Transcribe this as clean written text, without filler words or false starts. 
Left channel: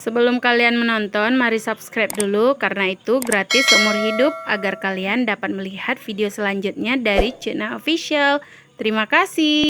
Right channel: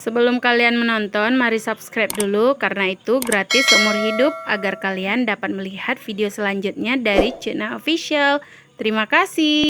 Sebelum kalian menonton, mari subscribe dulu karena itu gratis seumur hidup agar kalian dapat melihat video selanjutnya dari channel official. Terima kasih.